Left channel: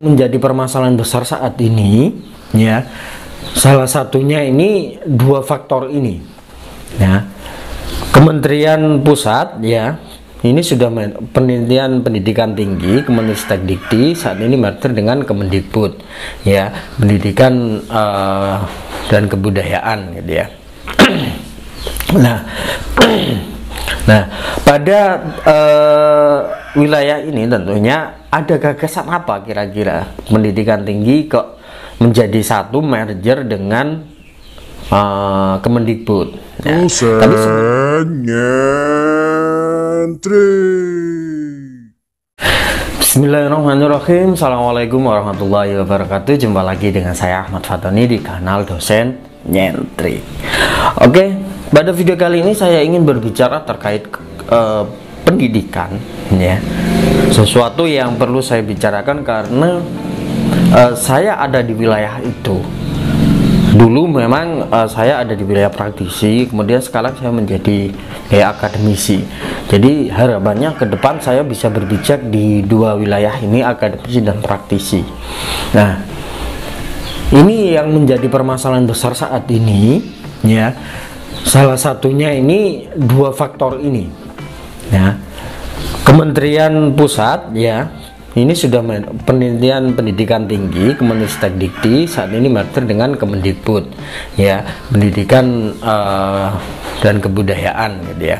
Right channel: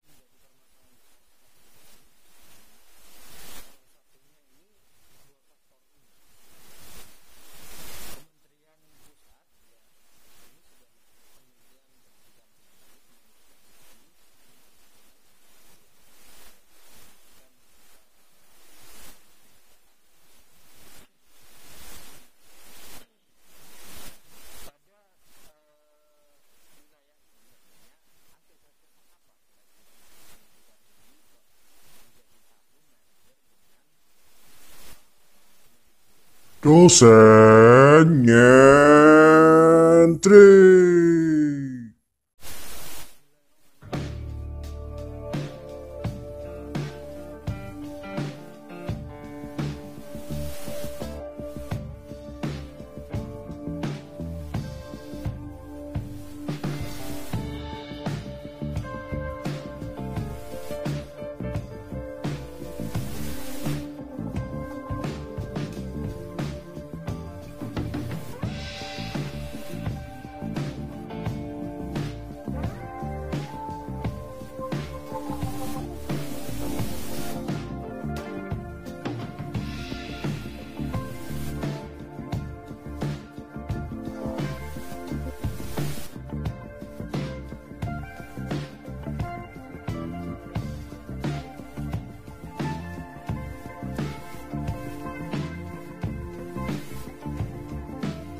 Menjadi permasalahan besar saat ini, ya, salah satunya ini dua faktor ini, ya. Kementerian Pusat, ya, ini sudah penelitian pendidikan tinggi Kemendikti saat ini merger dengan Kemendikbud, ya, pendidikan dan kebudayaan, gitu ya. Nah, pada wilayah ini tentunya ada gagasan apa kira-kira pendidikan tinggi kok menjadi satu merger dengan Kemendikbud. Dosen nyentri. Bismillahirrahmanirrahim. Assalamualaikum warahmatullahi wabarakatuh. Jumpa lagi dengan saya Ahmad Fatoni di kanal Dosen Nyentri. Oke, pada video kali ini saya ingin berbicara terkait pendidikan, ya. Sesuatu yang perlu saya bicarakan karena saya ada di wilayah itu. Dulu memang saya ada di wilayah praktisi, kemudian sekarang saya menjadi akademisi. Jadi harapannya ke depan saya bisa berbicara di dua wilayah ini, akademisi dan praktisi. Nah, ini yang menjadi permasalahan besar saat ini, ya. Salah satunya ini dua faktor ini, ya. Kementerian Pusat, ya, ini sudah penelitian pendidikan tinggi Kemendikti saat ini merger dengan Kemendikbud, ya, pendidikan dan kebudayaan, gitu ya.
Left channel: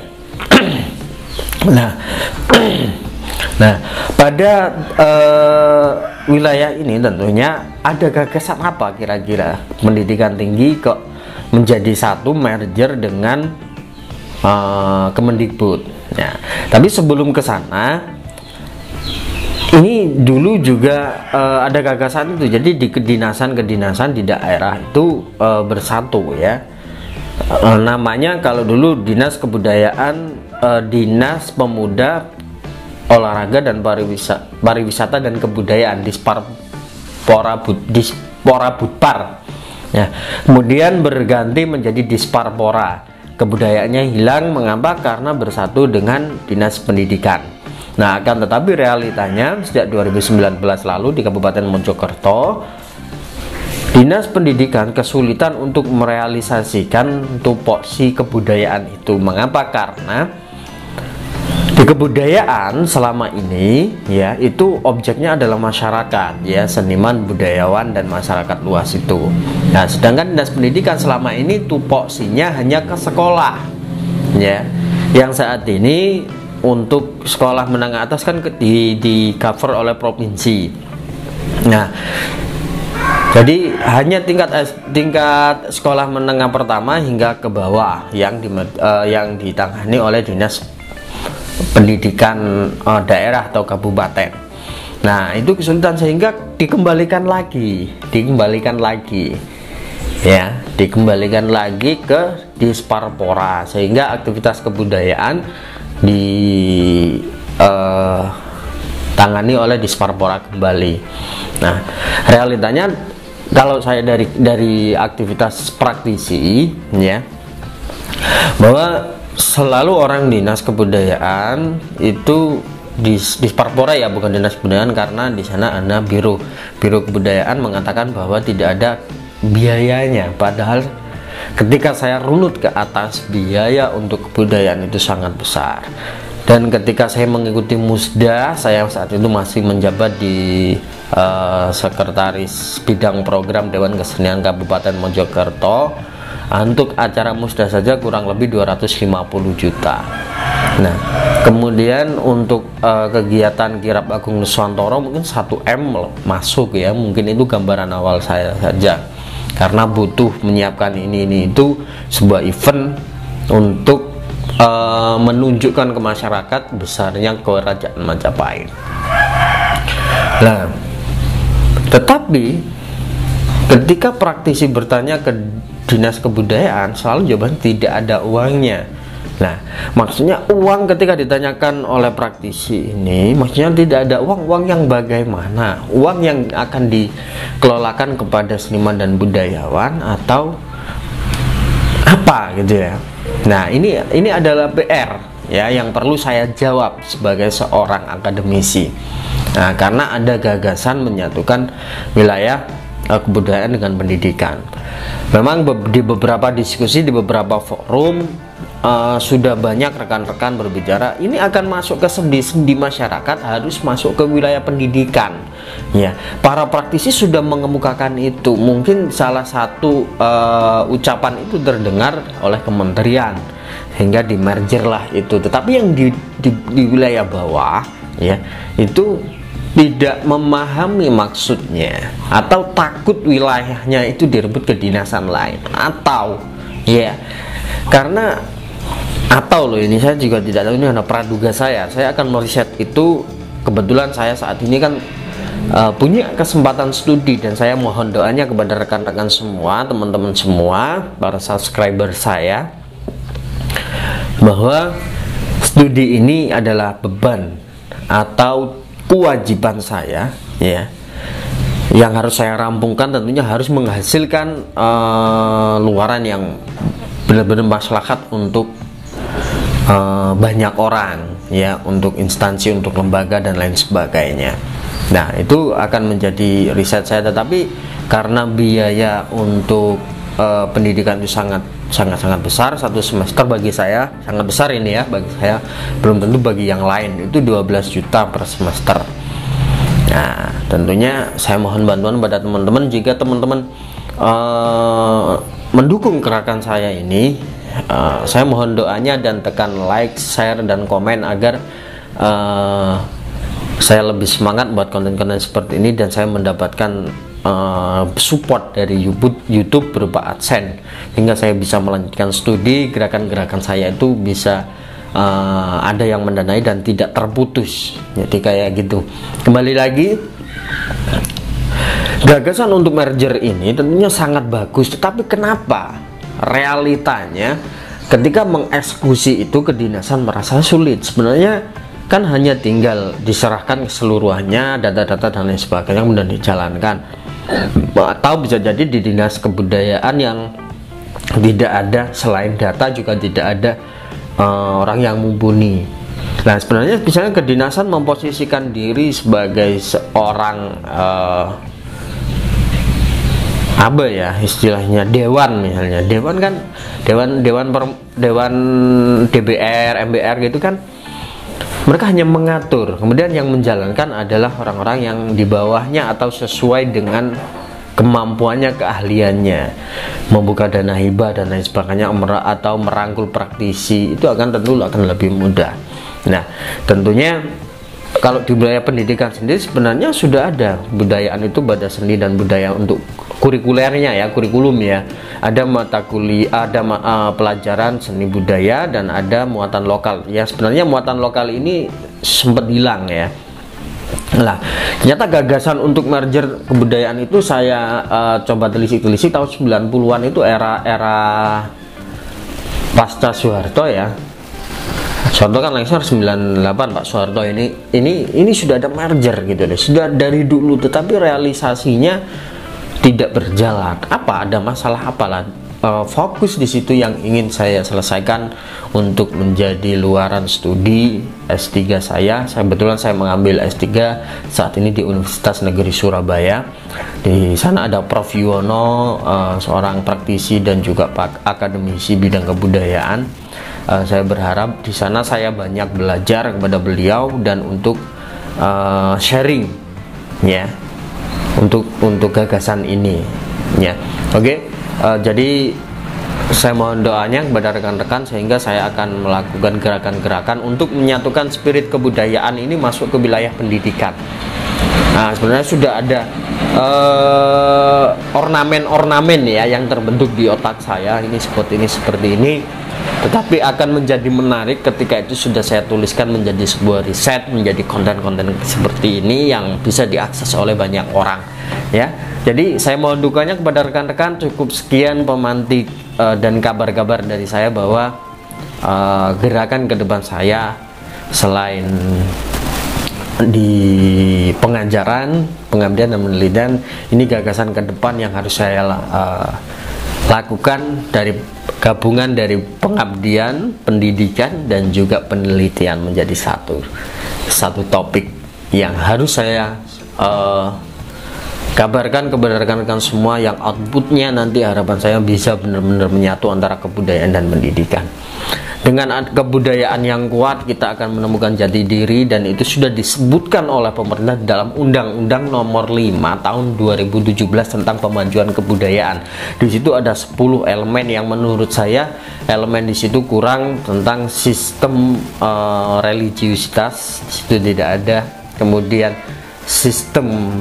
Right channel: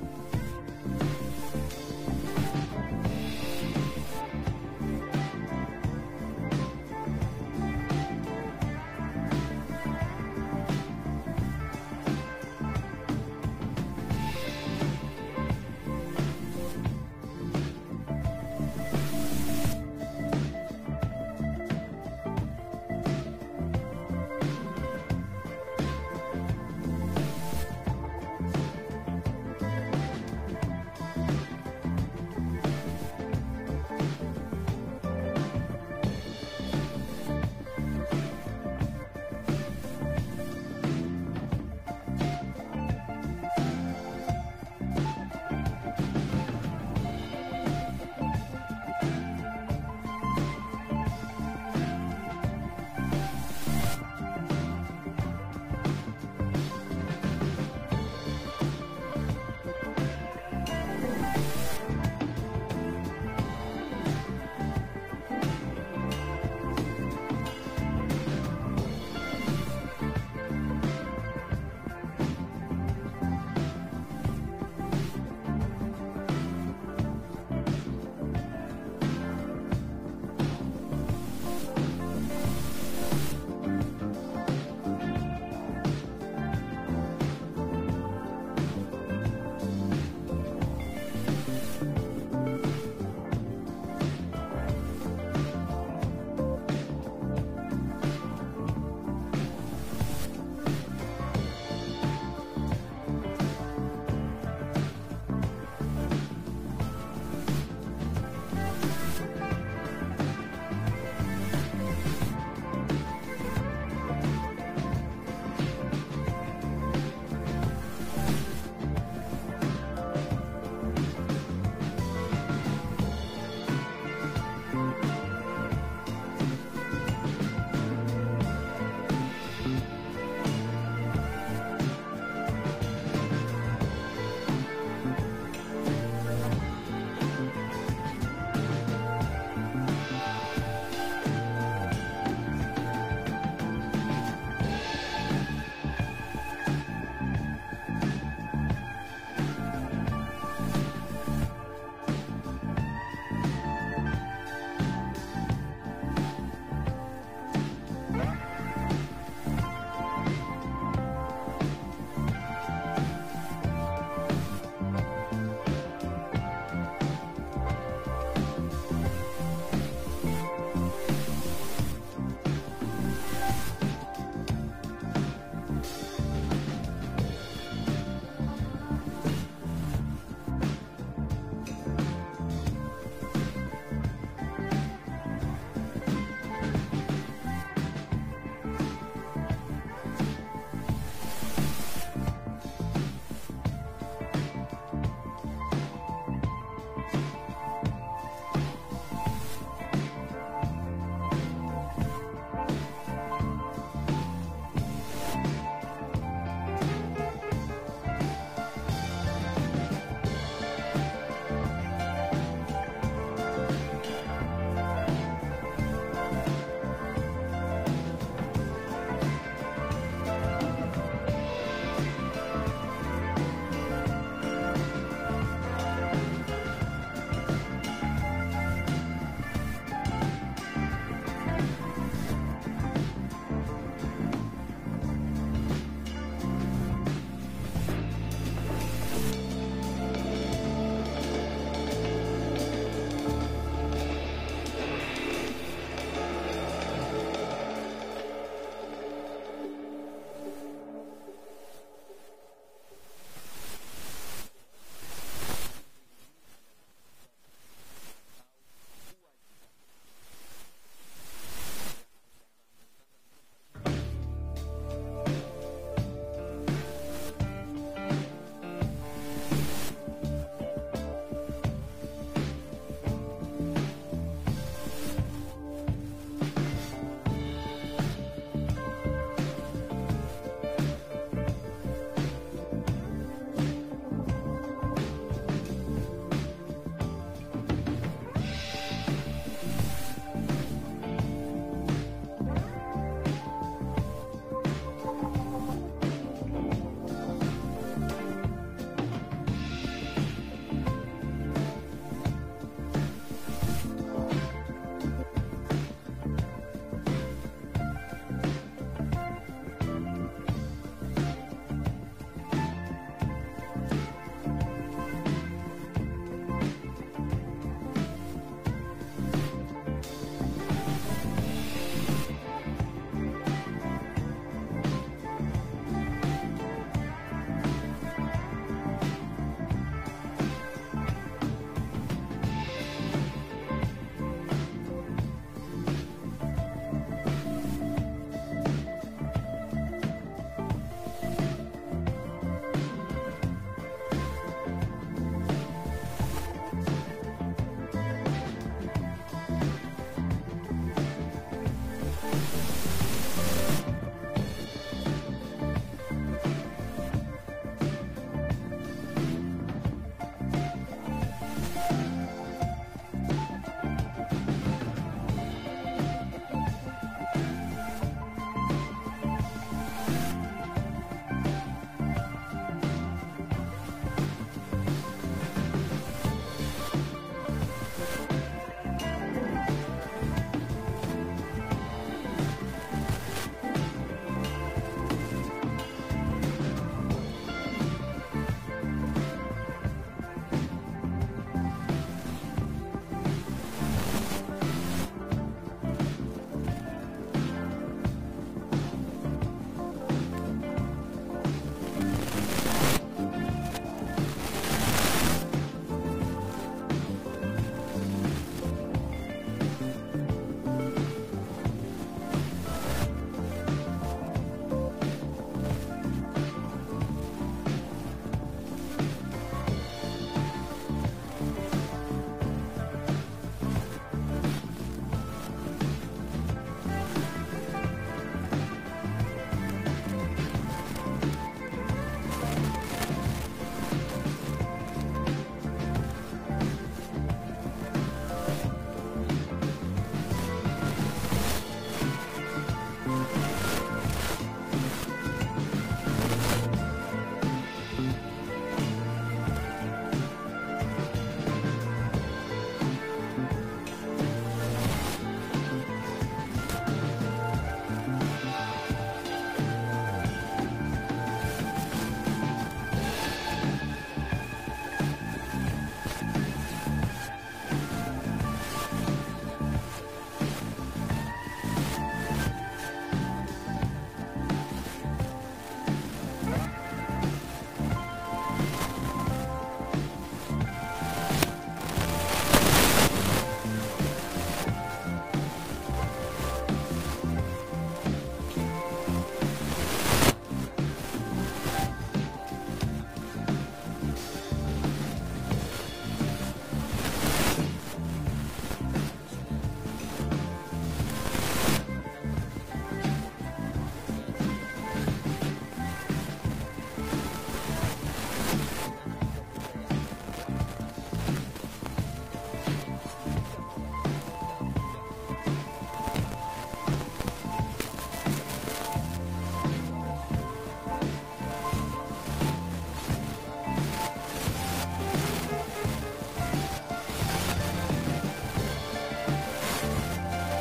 Nah, pada wilayah ini tentunya ada gagasan apa kira-kira pendidikan tinggi kok menjadi satu merger dengan Kemendikbud. Ya, tapi sebelum ke sana, ini dulu juga ada gagasan itu. Jadi di kedinasan di daerah itu bersatu, ya. Namanya kalau dulu Dinas Kebudayaan, Dinas Pemuda, Olahraga dan Pariwisata dan Kebudayaan, Disporabudpar, ya. Kemudian berganti menjadi Disparpora. Kebudayaannya hilang, mengapa? Karena bersatu dengan Dinas Pendidikan. Nah, akan tetapi realitanya sejak 2019 lalu di Kabupaten Mojokerto, Dinas Pendidikan kesulitan untuk merealisasikan tupoksi kebudayaan itu. Mengapa? Karena di kebudayaan selama ini, ya, itu objeknya adalah masyarakat, ya, seniman, budayawan dan masyarakat luas itu. Nah, sedangkan Dinas Pendidikan selama ini tupoksinya hanya ke sekolah, ya. Yang saat ini untuk sekolah menengah atas kan di cover oleh provinsi. Nah, jadi hanya tingkat sekolah menengah pertama hingga ke bawah yang ditangani oleh Dinas Pendidikan daerah atau kabupaten. Nah, itu kesulitan sehingga dikembalikan lagi, ya, dikembalikan lagi ke Disparpora, sehingga aktivitas kebudayaan ditangani oleh Disparpora kembali. Nah, realitanya kalau saya dari aktivitas praktisi, ya, bahwa selalu orang Dinas Kebudayaan itu di Disparpora, ya, bukan Dinas Kebudayaan, karena di sana ada Biro Kebudayaan mengatakan bahwa tidak ada biayanya, padahal ketika saya runut ke atas, biaya untuk kebudayaan itu sangat besar. Dan ketika saya mengikuti Musda, saya saat itu masih menjabat di Sekretaris Bidang Program Dewan Kesenian Kabupaten Mojokerto. Untuk acara Musda saja kurang lebih 250 juta. Nah, kemudian untuk kegiatan Kirab Agung Nuswantoro mungkin 1 M masuk, ya. Mungkin itu gambaran awal saya saja, karena butuh menyiapkan ini itu sebuah event untuk menunjukkan ke masyarakat besarnya Kerajaan Majapahit. Nah, tetapi ketika praktisi bertanya ke Dinas Kebudayaan, selalu jawaban tidak ada uangnya. Nah, maksudnya uang ketika ditanyakan oleh praktisi ini, maksudnya tidak ada uang yang bagaimana? Uang yang akan dikelolakan kepada seniman dan budayawan atau apa, gitu ya. Nah, ini adalah PR, ya yang perlu saya jawab sebagai seorang akademisi. Nah, karena ada gagasan menyatukan wilayah kebudayaan dengan pendidikan. Memang di beberapa diskusi, di beberapa forum sudah banyak rekan-rekan berbicara ini akan masuk ke sendi-sendi masyarakat, harus masuk ke wilayah pendidikan. Ya, para praktisi sudah mengemukakan itu. Mungkin salah satu ucapan itu terdengar oleh kementerian hingga di merger lah itu. Tetapi yang di wilayah bawah ya itu tidak memahami maksudnya, atau takut wilayahnya itu direbut ke dinasan lain, atau ya karena atau loh, ini saya juga tidak tahu, ini hanya praduga saya akan meriset itu. Kebetulan saya saat ini kan punya kesempatan studi, dan saya mohon doanya kepada rekan-rekan semua, teman-teman semua, para subscriber saya, bahwa studi ini adalah beban atau kewajiban saya ya, yang harus saya rampungkan. Tentunya harus menghasilkan luaran yang benar-benar maslahat untuk banyak orang ya, untuk instansi, untuk lembaga dan lain sebagainya. Nah, itu akan menjadi riset saya, tetapi karena biaya untuk pendidikan itu sangat besar. Satu semester bagi saya sangat besar ini ya, bagi saya, belum tentu bagi yang lain. Itu 12 juta per semester. Nah, tentunya saya mohon bantuan pada teman-teman. Jika teman-teman mendukung gerakan saya ini, saya mohon doanya dan tekan like, share, dan komen agar saya lebih semangat buat konten-konten seperti ini, dan saya mendapatkan support dari YouTube berupa AdSense, hingga saya bisa melanjutkan studi. Gerakan-gerakan saya itu bisa ada yang mendanai dan tidak terputus. Jadi kayak gitu. Kembali lagi, gagasan untuk merger ini tentunya sangat bagus, tetapi kenapa realitanya ketika mengeksekusi itu kedinasan merasa sulit? Sebenarnya kan hanya tinggal diserahkan keseluruhannya, data-data dan lain sebagainya, kemudian dijalankan. Atau bisa jadi di dinas kebudayaan yang tidak ada, selain data juga tidak ada orang yang mumpuni. Nah, sebenarnya misalnya kedinasan memposisikan diri sebagai seorang apa ya istilahnya, dewan misalnya. Dewan kan dewan DBR, MBR gitu kan, mereka hanya mengatur, kemudian yang menjalankan adalah orang-orang yang di bawahnya atau sesuai dengan kemampuannya, keahliannya, membuka dana hibah dan lain sebagainya, atau merangkul praktisi. Itu tentu akan lebih mudah. Nah, tentunya kalau di wilayah pendidikan sendiri sebenarnya sudah ada budayaan itu, pada seni dan budaya untuk kurikulernya ya, kurikulum ya. Ada mata kuliah, ada pelajaran seni budaya, dan ada muatan lokal. Ya, sebenarnya muatan lokal ini sempat hilang ya. Nah, ternyata gagasan untuk merger kebudayaan itu saya coba telisik tahun 90-an. Itu era pasca Soeharto ya. Soeharto kan lengser 98, Pak Soeharto ini sudah ada merger gitu deh, sudah dari dulu, tetapi realisasinya tidak berjalan. Apa, ada masalah apalah? Fokus di situ yang ingin saya selesaikan untuk menjadi luaran studi S3 saya. Kebetulan saya mengambil S3 saat ini di Universitas Negeri Surabaya. Di sana ada Prof. Yuwono, seorang praktisi dan juga akademisi bidang kebudayaan. Saya berharap di sana saya banyak belajar kepada beliau dan untuk sharing ya, untuk gagasan ini ya. Oke. Jadi saya mohon doanya kepada rekan-rekan sehingga saya akan melakukan gerakan-gerakan untuk menyatukan spirit kebudayaan ini masuk ke wilayah pendidikan. Nah, sebenarnya sudah ada ornamen-ornamen ya yang terbentuk di otak saya, ini seperti ini, tetapi akan menjadi menarik ketika itu sudah saya tuliskan menjadi sebuah riset, menjadi konten-konten seperti ini yang bisa diakses oleh banyak orang ya. Jadi saya mohon dukanya kepada rekan-rekan. Cukup sekian pemantik dan kabar-kabar dari saya bahwa gerakan ke depan saya selain di pengajaran, pengabdian dan penelitian, ini gagasan ke depan yang harus saya lakukan dari gabungan dari pengabdian, pendidikan, dan juga penelitian menjadi satu topik yang harus saya kabarkan kepada rekan-rekan semua, yang outputnya nanti harapan saya bisa benar-benar menyatu antara kebudayaan dan pendidikan. Dengan kebudayaan yang kuat kita akan menemukan jati diri, dan itu sudah disebutkan oleh pemerintah dalam Undang-Undang Nomor 5 Tahun 2017 tentang pemajuan kebudayaan. Di situ ada 10 elemen yang menurut saya elemen di situ kurang, tentang sistem religiusitas di situ tidak ada, kemudian sistem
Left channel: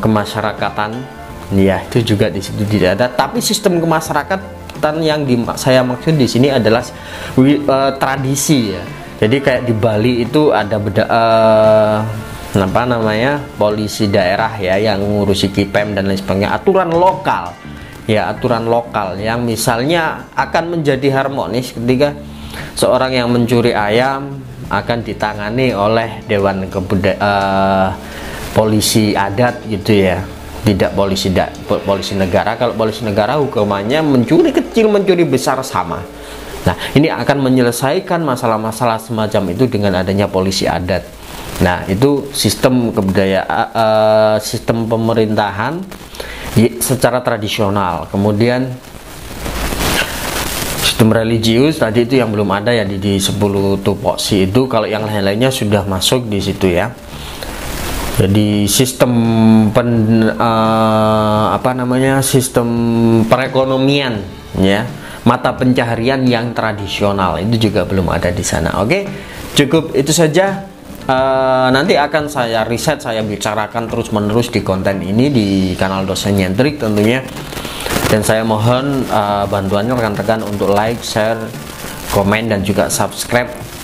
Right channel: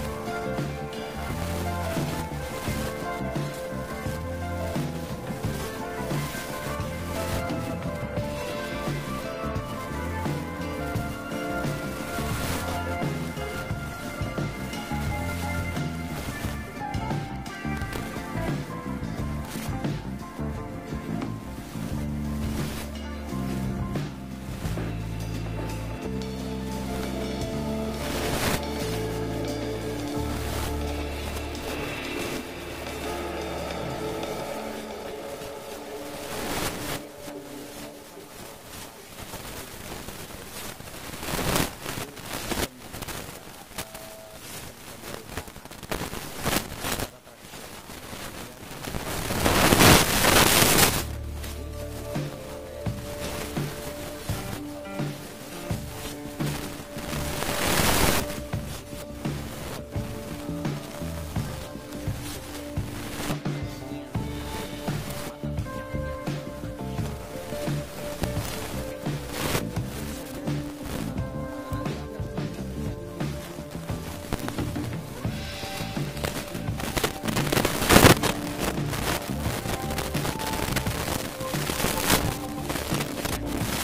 kemasyarakatan, ya itu juga di situ tidak ada. Tapi sistem kemasyarakatan yang saya maksud di sini adalah tradisi ya. Jadi kayak di Bali itu ada apa namanya, polisi daerah ya yang ngurusi KIPEM dan lain sebagainya, aturan lokal ya, aturan lokal yang misalnya akan menjadi harmonis ketika seorang yang mencuri ayam akan ditangani oleh Dewan polisi adat gitu ya, tidak polisi negara. Kalau polisi negara hukumannya mencuri kecil, mencuri besar sama. Nah, ini akan menyelesaikan masalah-masalah semacam itu dengan adanya polisi adat. Nah, itu sistem kebudayaan, sistem pemerintahan secara tradisional. Kemudian sistem religius tadi itu yang belum ada ya di 10 tupoksi itu. Kalau yang lain-lainnya sudah masuk di situ ya. Jadi sistem sistem perekonomian ya, mata pencaharian yang tradisional itu juga belum ada di sana. Oke, cukup itu saja. Nanti akan saya riset, saya bicarakan terus-menerus di konten ini di kanal Dosen Nyentrik tentunya. Dan saya mohon bantuannya rekan-rekan untuk like, share, komen, dan juga subscribe,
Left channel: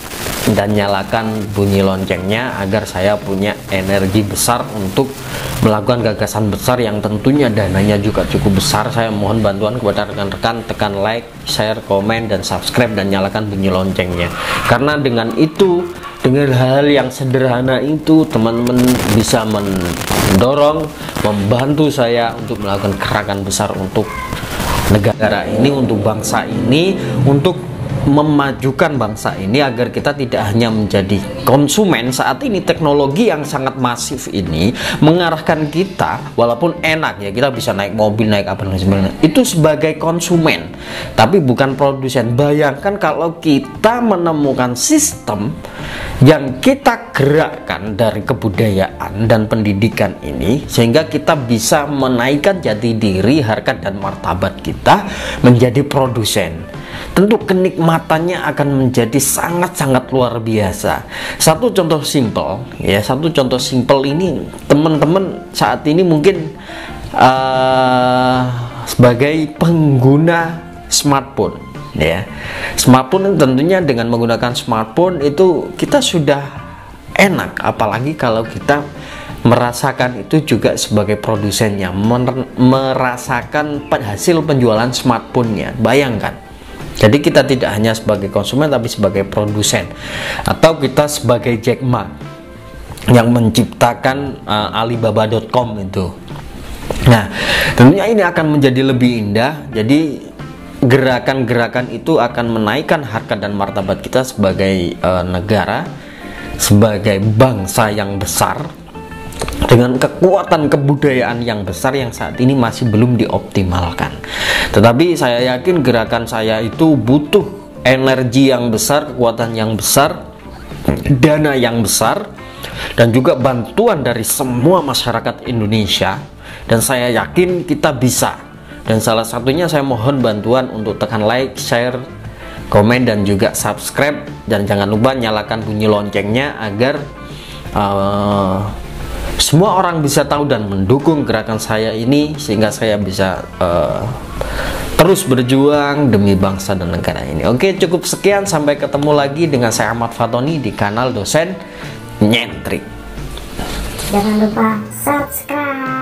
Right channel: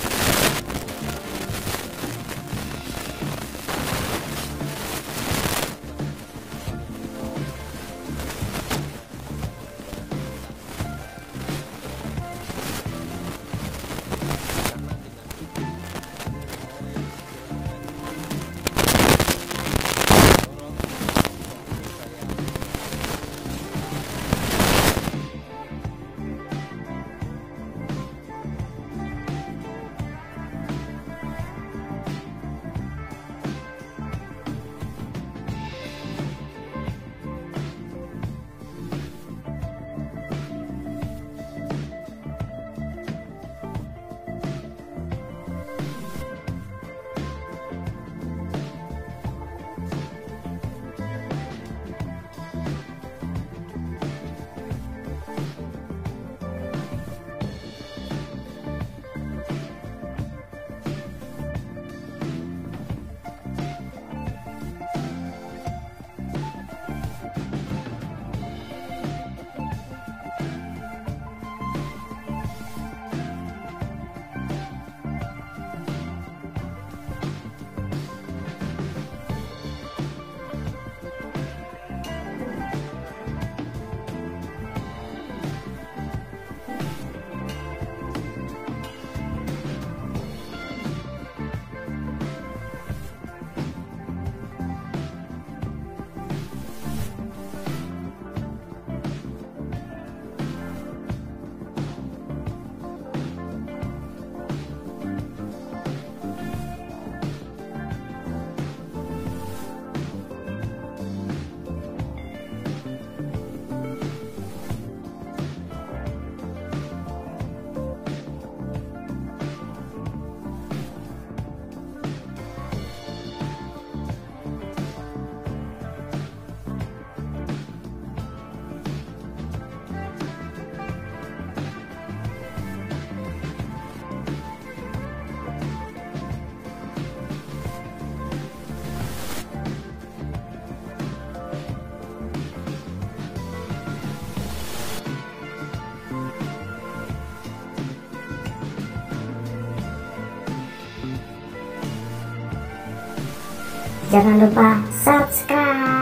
dan nyalakan bunyi loncengnya agar saya punya energi besar untuk melakukan gagasan besar yang tentunya dananya juga cukup besar. Saya mohon bantuan kepada rekan-rekan, tekan like, share, komen, dan subscribe, dan nyalakan bunyi loncengnya. Karena dengan itu, dengan hal yang sederhana itu, teman-teman bisa mendorong, membantu saya untuk melakukan gerakan besar untuk negara ini, untuk bangsa ini, untuk memajukan bangsa ini agar kita tidak hanya menjadi konsumen. Saat ini teknologi yang sangat masif ini mengarahkan kita, walaupun enak ya, kita bisa naik mobil, naik apa dan sebagainya, itu sebagai konsumen tapi bukan produsen. Bayangkan kalau kita menemukan sistem yang kita gerakkan dari kebudayaan dan pendidikan ini, sehingga kita bisa menaikkan jati diri, harkat dan martabat kita menjadi produsen. Tentu kenikmatannya akan menjadi sangat-sangat luar biasa. Satu contoh simpel ya, satu contoh simpel ini teman-teman saat ini mungkin sebagai pengguna smartphone ya. Smartphone tentunya dengan menggunakan smartphone itu kita sudah enak, apalagi kalau kita merasakan itu juga sebagai produsennya, merasakan hasil penjualan smartphone-nya. Bayangkan. Jadi kita tidak hanya sebagai konsumen tapi sebagai produsen, atau kita sebagai Jack Ma yang menciptakan Alibaba.com itu. Nah, tentunya ini akan menjadi lebih indah. Jadi gerakan-gerakan itu akan menaikkan harkat dan martabat kita sebagai negara, sebagai bangsa yang besar, dengan kekuatan kebudayaan yang besar yang saat ini masih belum dioptimalkan. Tetapi saya yakin gerakan saya itu butuh energi yang besar, kekuatan yang besar, dana yang besar, dan juga bantuan dari semua masyarakat Indonesia. Dan saya yakin kita bisa. Dan salah satunya saya mohon bantuan untuk tekan like, share, komen, dan juga subscribe. Dan jangan lupa nyalakan bunyi loncengnya agar semua orang bisa tahu dan mendukung gerakan saya ini, sehingga saya bisa terus berjuang demi bangsa dan negara ini. Oke, cukup sekian. Sampai ketemu lagi dengan saya Ahmad Fatoni di kanal Dosen Nyentrik. Jangan lupa subscribe.